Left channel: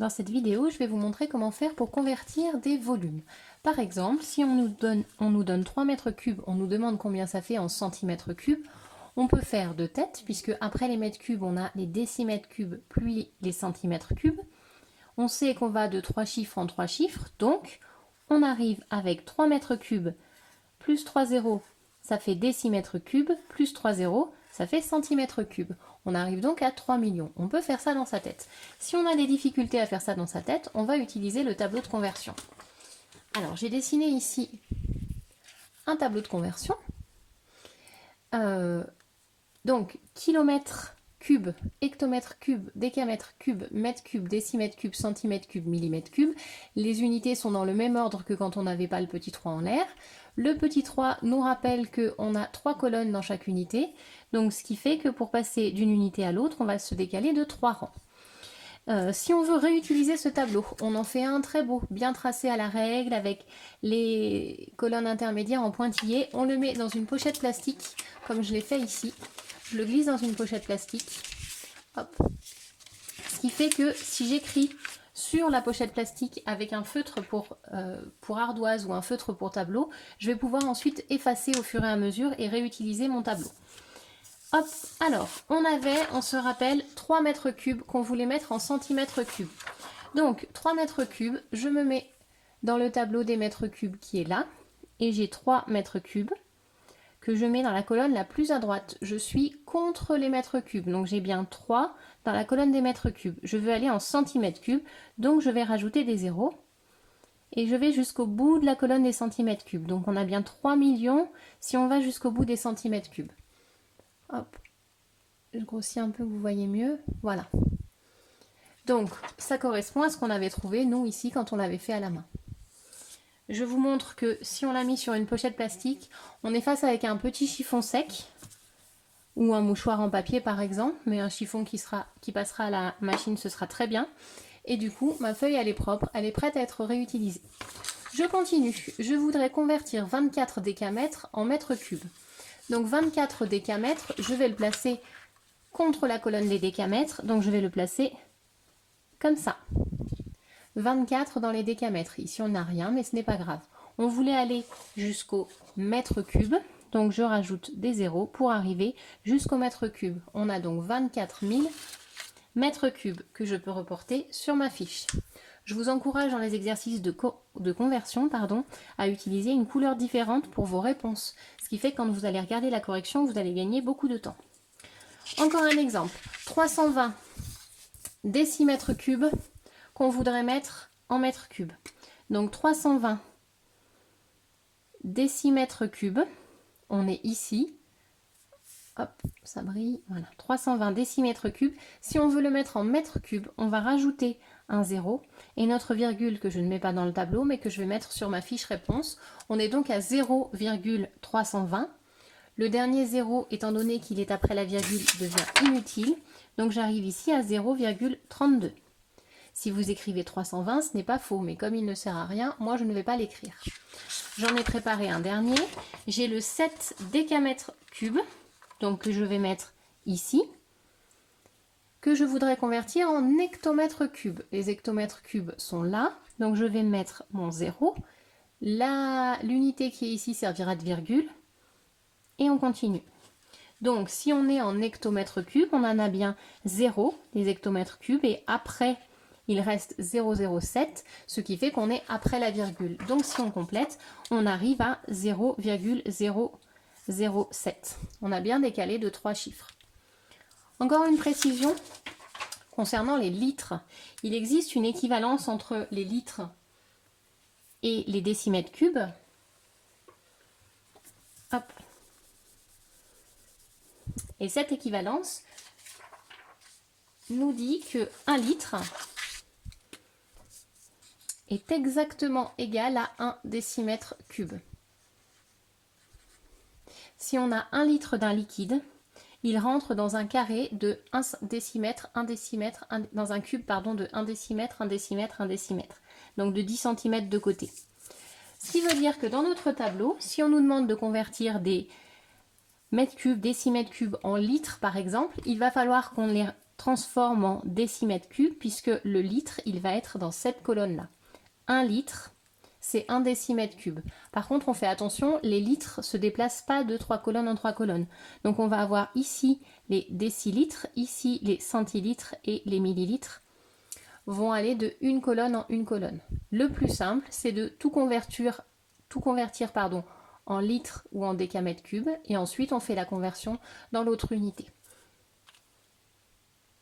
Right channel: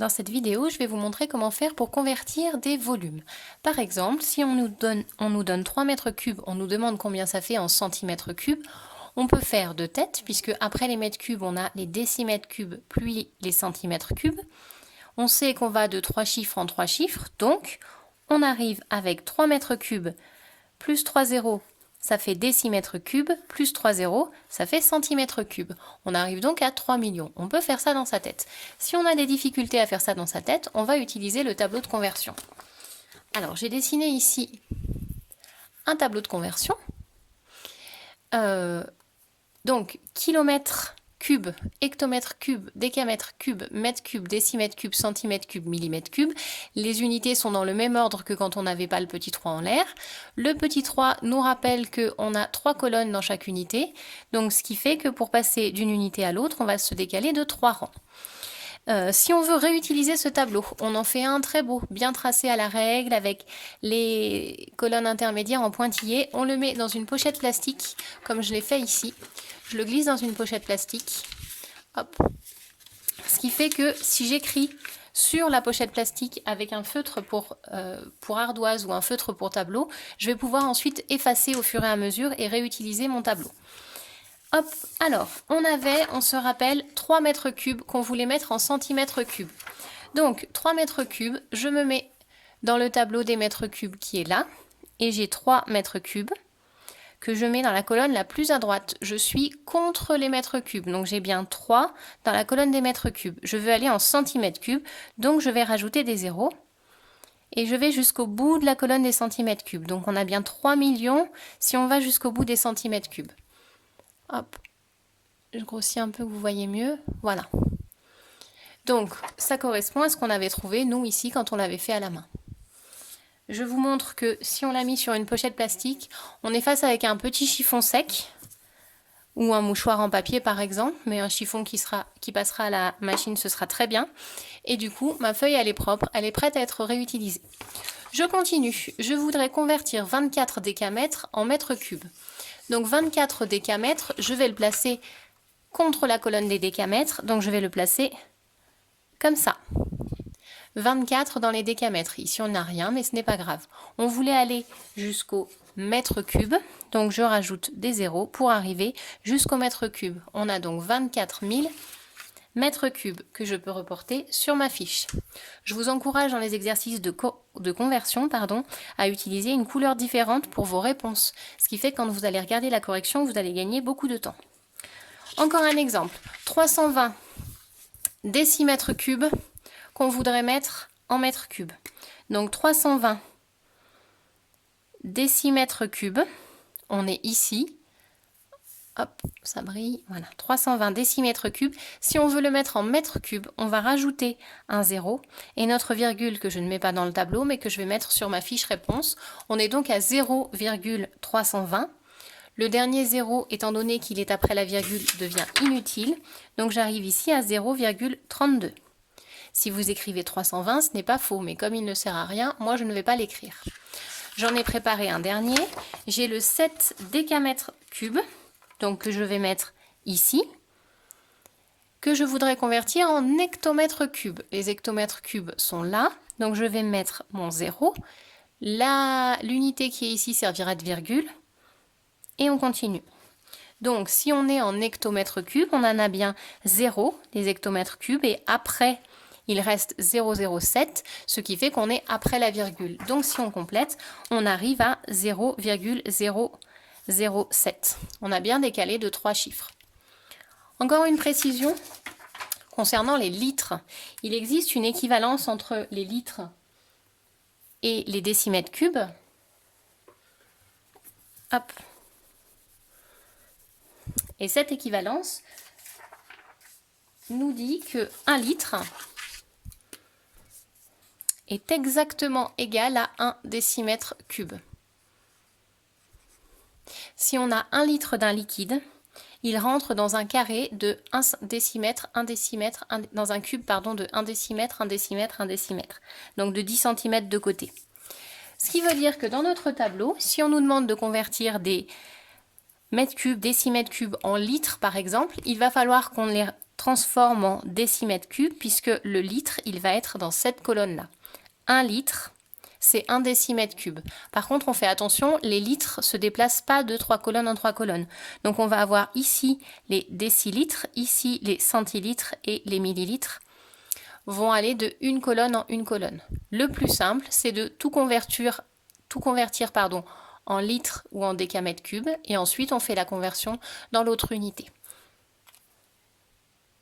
Dans cette vidéo, je vais vous montrer comment faire pour convertir des volumes. Par exemple, si on nous donne 3 mètres cubes, on nous demande combien ça fait en centimètres cubes, on peut faire de tête, puisque après les mètres cubes, on a les décimètres cubes puis les centimètres cubes. On sait qu'on va de 3 chiffres en 3 chiffres, donc on arrive avec 3 mètres cubes plus 3 zéros, ça fait décimètres cubes, plus 3 zéros, ça fait centimètres cubes. On arrive donc à 3 millions. On peut faire ça dans sa tête. Si on a des difficultés à faire ça dans sa tête, on va utiliser le tableau de conversion. Alors, j'ai dessiné ici un tableau de conversion. Donc, kilomètre cube, hectomètre cube, décamètre cube, mètre cube, décimètre cube, centimètre cube, millimètre cube. Les unités sont dans le même ordre que quand on n'avait pas le petit 3 en l'air. Le petit 3 nous rappelle qu'on a 3 colonnes dans chaque unité. Donc ce qui fait que pour passer d'une unité à l'autre, on va se décaler de 3 rangs. Si on veut réutiliser ce tableau, on en fait un très beau, bien tracé à la règle, avec les colonnes intermédiaires en pointillés. On le met dans une pochette plastique, comme je l'ai fait ici. Je le glisse dans une pochette plastique. Hop. Ce qui fait que si j'écris sur la pochette plastique avec un feutre pour ardoise ou un feutre pour tableau, je vais pouvoir ensuite effacer au fur et à mesure et réutiliser mon tableau. Hop, alors, on se rappelle, 3 mètres cubes qu'on voulait mettre en centimètres cubes. Donc, 3 mètres cubes, je me mets dans le tableau des mètres cubes qui est là, et j'ai 3 mètres cubes que je mets dans la colonne la plus à droite. Je suis contre les mètres cubes, donc j'ai bien 3 dans la colonne des mètres cubes. Je veux aller en centimètres cubes, donc je vais rajouter des zéros, et je vais jusqu'au bout de la colonne des centimètres cubes. Donc on a bien 3 millions si on va jusqu'au bout des centimètres cubes. Hop, je grossis un peu, vous voyez mieux. Voilà. Donc, ça correspond à ce qu'on avait trouvé, nous, ici, quand on l'avait fait à la main. Je vous montre que si on l'a mis sur une pochette plastique, on est face avec un petit chiffon sec, ou un mouchoir en papier, par exemple, mais un chiffon qui passera à la machine, ce sera très bien. Et du coup, ma feuille, elle est propre, elle est prête à être réutilisée. Je continue. Je voudrais convertir 24 décamètres en mètres cubes. Donc 24 décamètres, je vais le placer contre la colonne des décamètres, donc je vais le placer comme ça. 24 dans les décamètres, ici on n'a rien, mais ce n'est pas grave. On voulait aller jusqu'au mètre cube, donc je rajoute des zéros pour arriver jusqu'au mètre cube. On a donc 24 000 mètres cubes que je peux reporter sur ma fiche. Je vous encourage dans les exercices de conversion à utiliser une couleur différente pour vos réponses, ce qui fait que quand vous allez regarder la correction, vous allez gagner beaucoup de temps. Encore un exemple, 320 décimètres cubes qu'on voudrait mettre en mètres cubes. Donc 320 décimètres cubes, on est ici. Hop, ça brille, voilà, 320 décimètres cubes. Si on veut le mettre en mètres cubes, on va rajouter un 0 et notre virgule que je ne mets pas dans le tableau mais que je vais mettre sur ma fiche réponse. On est donc à 0,320. Le dernier 0, étant donné qu'il est après la virgule, devient inutile. Donc j'arrive ici à 0,32. Si vous écrivez 320, ce n'est pas faux, mais comme il ne sert à rien, moi je ne vais pas l'écrire. J'en ai préparé un dernier. J'ai le 7 décamètres cubes. Donc que je vais mettre ici, que je voudrais convertir en hectomètres cubes. Les hectomètres cubes sont là, donc je vais mettre mon 0. L'unité qui est ici servira de virgule, et on continue. Donc si on est en hectomètres cubes, on en a bien 0, les hectomètres cubes, et après, il reste 0,07, ce qui fait qu'on est après la virgule. Donc si on complète, on arrive à 0,007. On a bien décalé de 3 chiffres. Encore une précision concernant les litres. Il existe une équivalence entre les litres et les décimètres cubes. Hop. Et cette équivalence nous dit que 1 litre est exactement égal à 1 décimètre cube. Si on a 1 litre d'un liquide, il rentre dans un carré de 1 décimètre, 1 décimètre, dans un cube de 1 décimètre, 1 décimètre, 1 décimètre. Donc de 10 cm de côté. Ce qui veut dire que dans notre tableau, si on nous demande de convertir des mètres cubes, décimètres cubes en litres par exemple, il va falloir qu'on les transforme en décimètre cube puisque le litre, il va être dans cette colonne-là. 1 litre, c'est 1 décimètre cube. Par contre, on fait attention, les litres ne se déplacent pas de 3 colonnes en 3 colonnes. Donc on va avoir ici les décilitres, ici les centilitres et les millilitres vont aller de une colonne en une colonne. Le plus simple, c'est de tout convertir en litres ou en décamètres cubes et ensuite on fait la conversion dans l'autre unité.